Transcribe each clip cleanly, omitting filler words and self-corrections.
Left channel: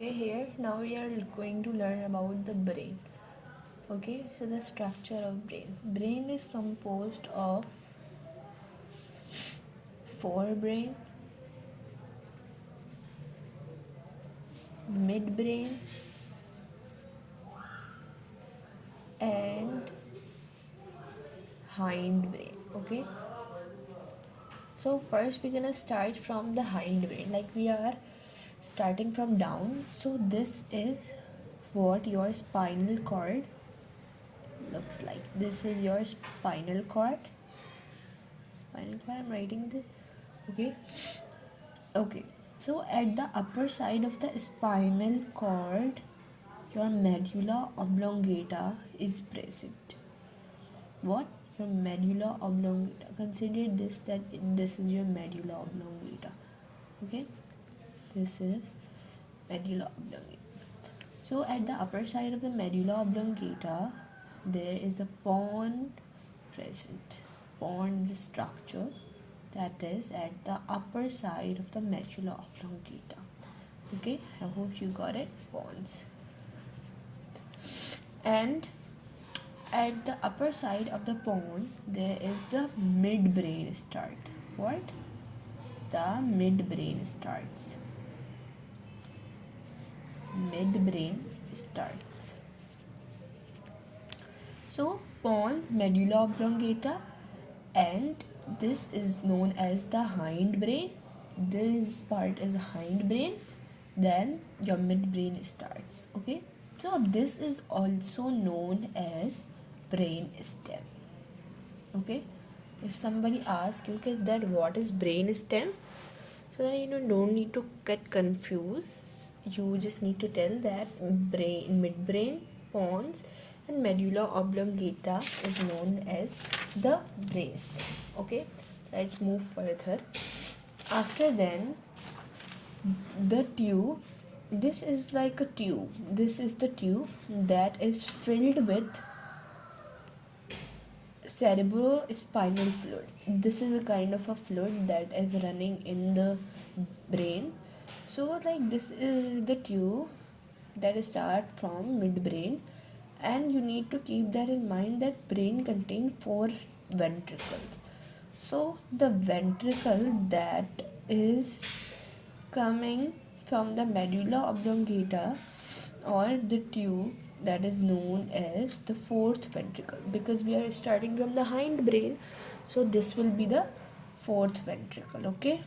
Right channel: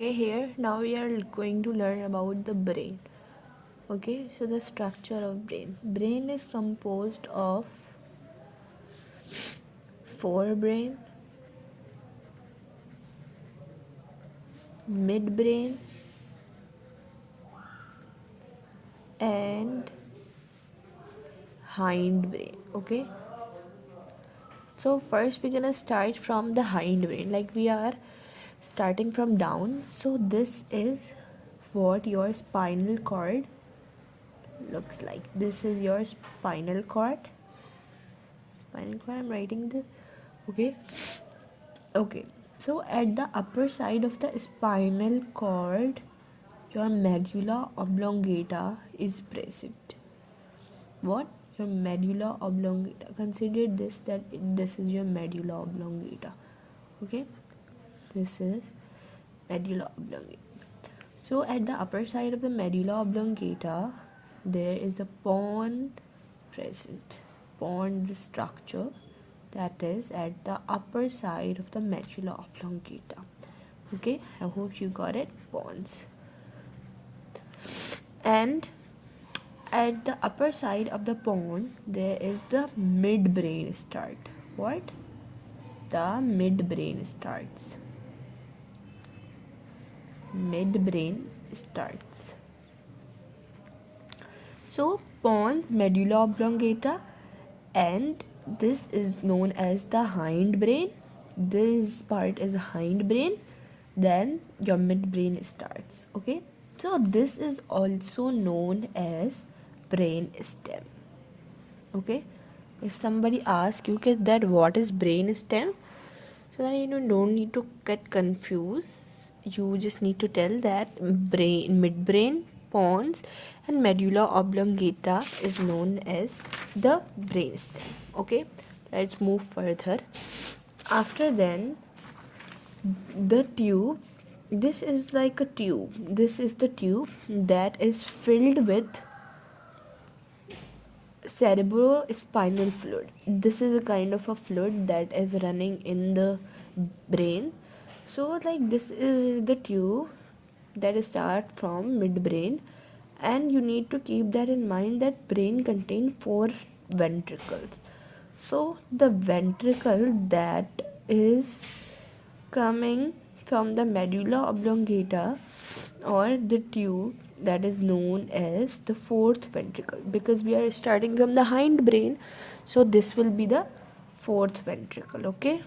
Okay, here now we are going to learn about the brain. Okay, so the structure of brain is composed of forebrain, midbrain, and hindbrain. Okay, so first we're gonna start from the hindbrain, like we are starting from down. So this is what your spinal cord looks like. This is your spinal cord. I'm writing this. Okay. Okay, so at the upper side of the spinal cord, your medulla oblongata is present. What? Your medulla oblongata. Consider this that this is your medulla oblongata. Okay, this is medulla oblongata. So at the upper side of the medulla oblongata, there is a pons present. Pons structure that is at the upper side of the medulla oblongata. Okay, I hope you got it. Pons. And at the upper side of the pons, there is the midbrain start. What? The midbrain starts. Midbrain starts. So pons, medulla oblongata, and this is known as the hindbrain. This part is hindbrain. Then your midbrain starts. Okay, so this is also known as brain stem. Okay, if somebody asks you that what is brain stem, so that you don't need to get confused, you just need to tell that midbrain, pons, and medulla oblongata is known as the brain stem. Okay, let's move further. After then, the tube, this is like a tube. This is the tube that is filled with cerebrospinal fluid. This is a kind of a fluid that is running in the brain. So like this is the tube that starts from midbrain, and you need to keep that in mind that brain contains 4 ventricles. So the ventricle that is coming from the medulla oblongata, or the tube, that is known as the 4th ventricle, because we are starting from the hindbrain, so this will be the 4th ventricle. Okay,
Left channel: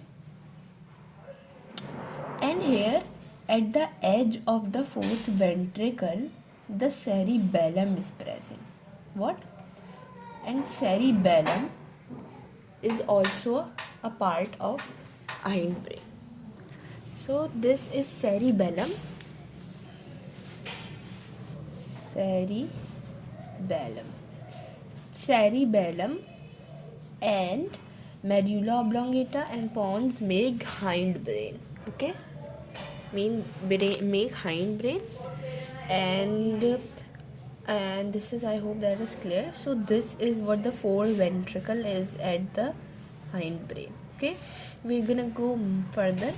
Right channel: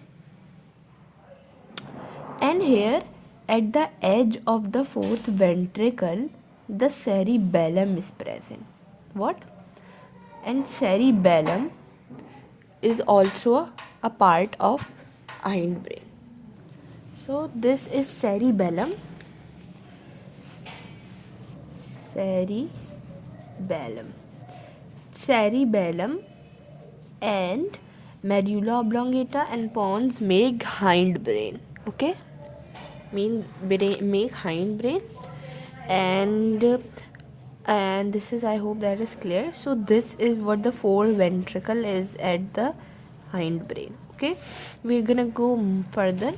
and here at the edge of the 4th ventricle, the cerebellum is present. What? And cerebellum is also a part of hindbrain. So this is cerebellum. Cerebellum and medulla oblongata and pons make hindbrain. Okay, make hindbrain, and this is, I hope that is clear. So this is what the 4th ventricle is at the hindbrain. Okay, we're gonna go further.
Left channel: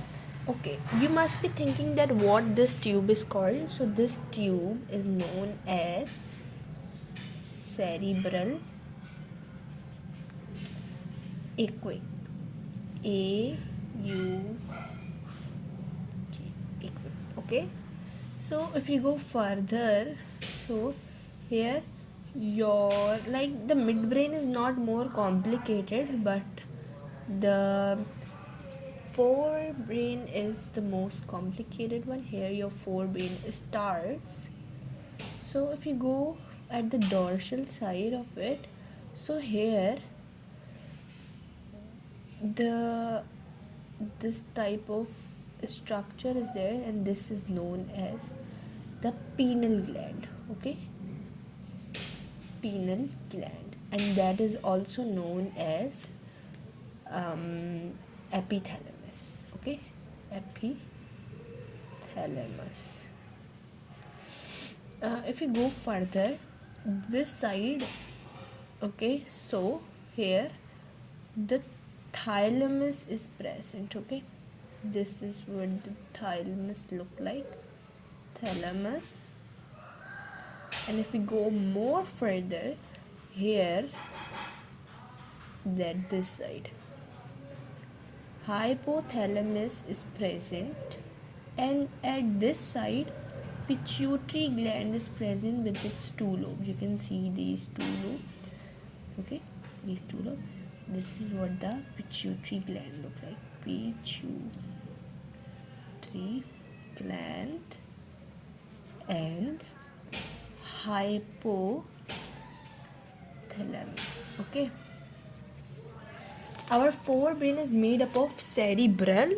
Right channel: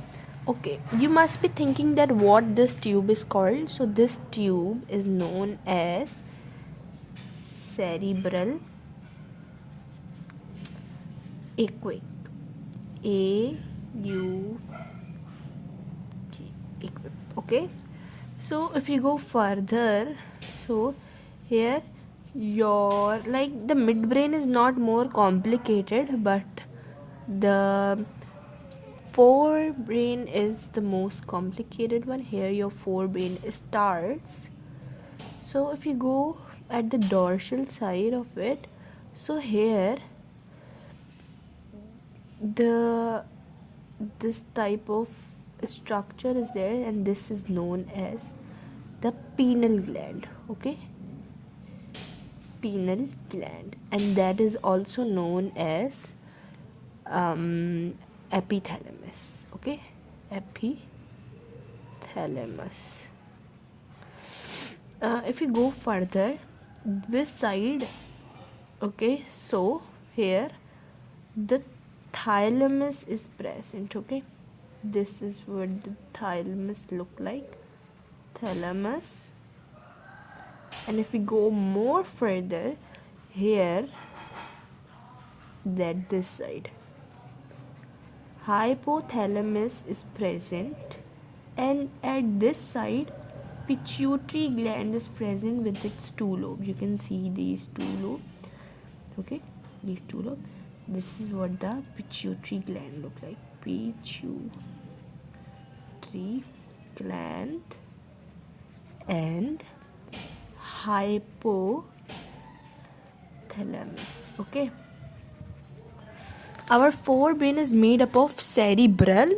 Okay, you must be thinking that what this tube is called. So this tube is known as cerebral aqueduct. Okay, so if you go further, so here your, like, the midbrain is not more complicated, but the forebrain is the most complicated one. Here your forebrain starts. So if you go at the dorsal side of it, so here this type of structure is there, and this is known as the pineal gland. Okay, pineal gland, and that is also known as epithalamus. Okay, epithalamus. If you go further this side, okay, so here the thalamus is present. Okay, this is what the thalamus look like. hypothalamus. And if we go more further, here, that this side, hypothalamus is present, and at this side, pituitary gland is present with its two lobes. You can see these two lobes. Okay, these two lobes. This is what the pituitary gland look like. Pituitary gland and hypothalamus. Okay, our forebrain is made up of cerebrum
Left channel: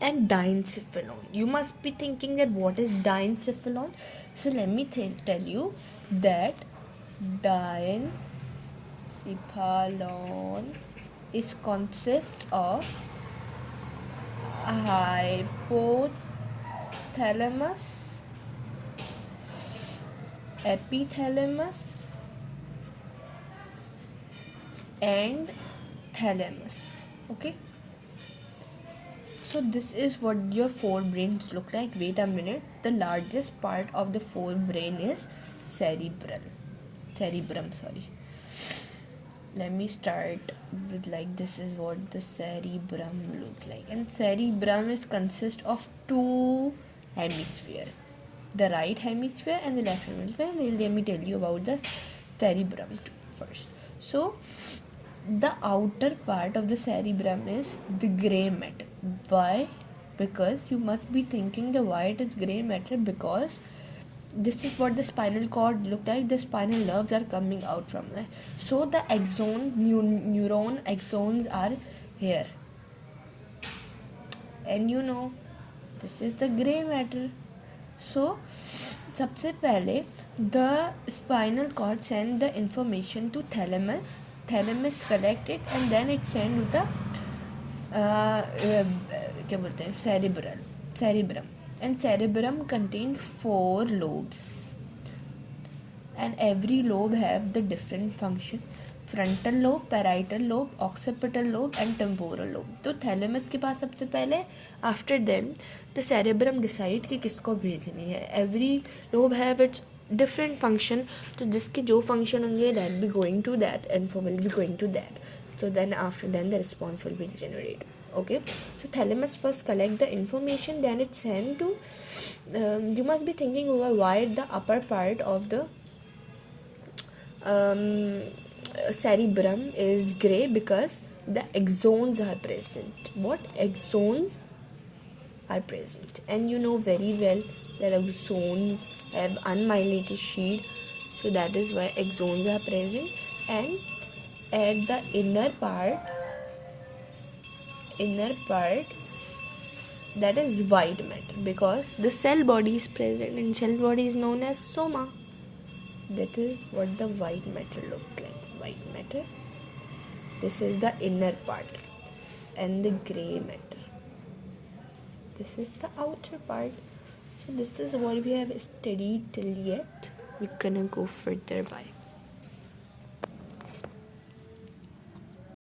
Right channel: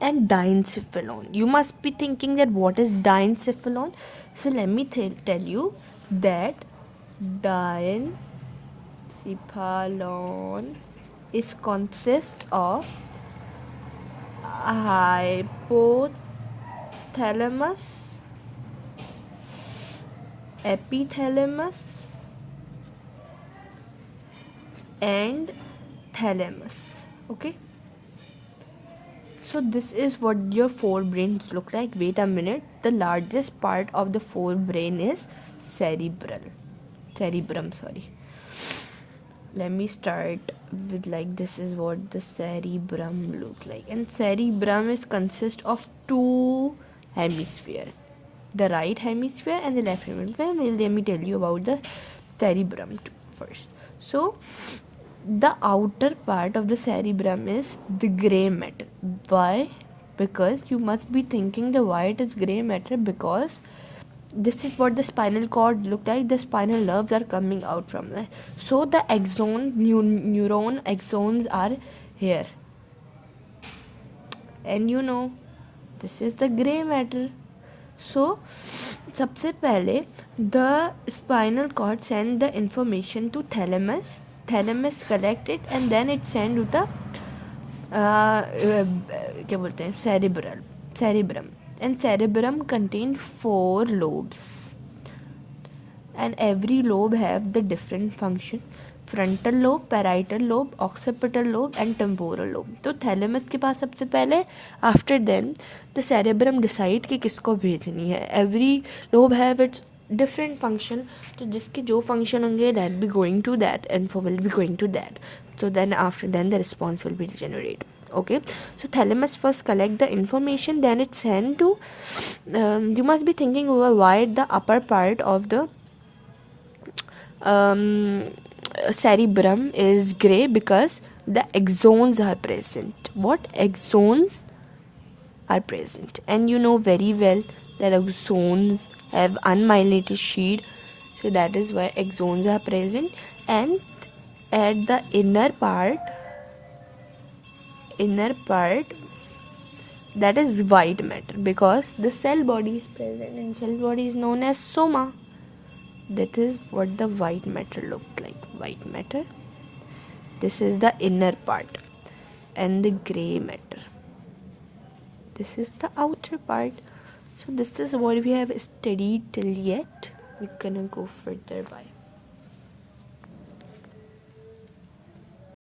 and diencephalon. You must be thinking that what is diencephalon. So let me tell you that diencephalon is consists of hypothalamus, epithalamus and thalamus. Okay, so this is what your forebrains look like. Wait a minute, the largest part of the forebrain is cerebrum. Let me start with like this is what the cerebrum look like, and cerebrum is consist of two hemisphere, the right hemisphere and the left hemisphere. Well, let me tell you about the cerebrum first. So the outer part of the cerebrum is the gray matter. Why? Because you must be thinking the why it is gray matter, because this is what the spinal cord look like. The spinal nerves are coming out from there. So the neuron axons are here, and you know this is the gray matter. So सबसे पहले the spinal cord send the information to thalamus collect it, and then it send to the क्या बोलते हैं cerebrum, and cerebrum contain 4 lobes, and every lobe have the different function: frontal lobe, parietal lobe, occipital lobe and temporal lobe. तो thalamus के पास सबसे पहले, after them the cerebrum decide कि किसको भेजनी है. Every lobe have its different function, तो जिसके जो function होंगे that be going to that, info will be going to that. So then after then the response will be generated. Okay, so thalamus first collect the information, then it's sent to you must be thinking over why the upper part of the cerebrum is gray, because the axons are present. What axons are present? And you know very well that axons have unmyelinated sheet, so that is why axons are present. And at the inner part that is white matter, because the cell body is present, and cell body is known as soma. That is what the white matter looks like. White matter, this is the inner part, and the gray matter, this is the outer part. So this is what we have studied till yet. We're gonna go further by.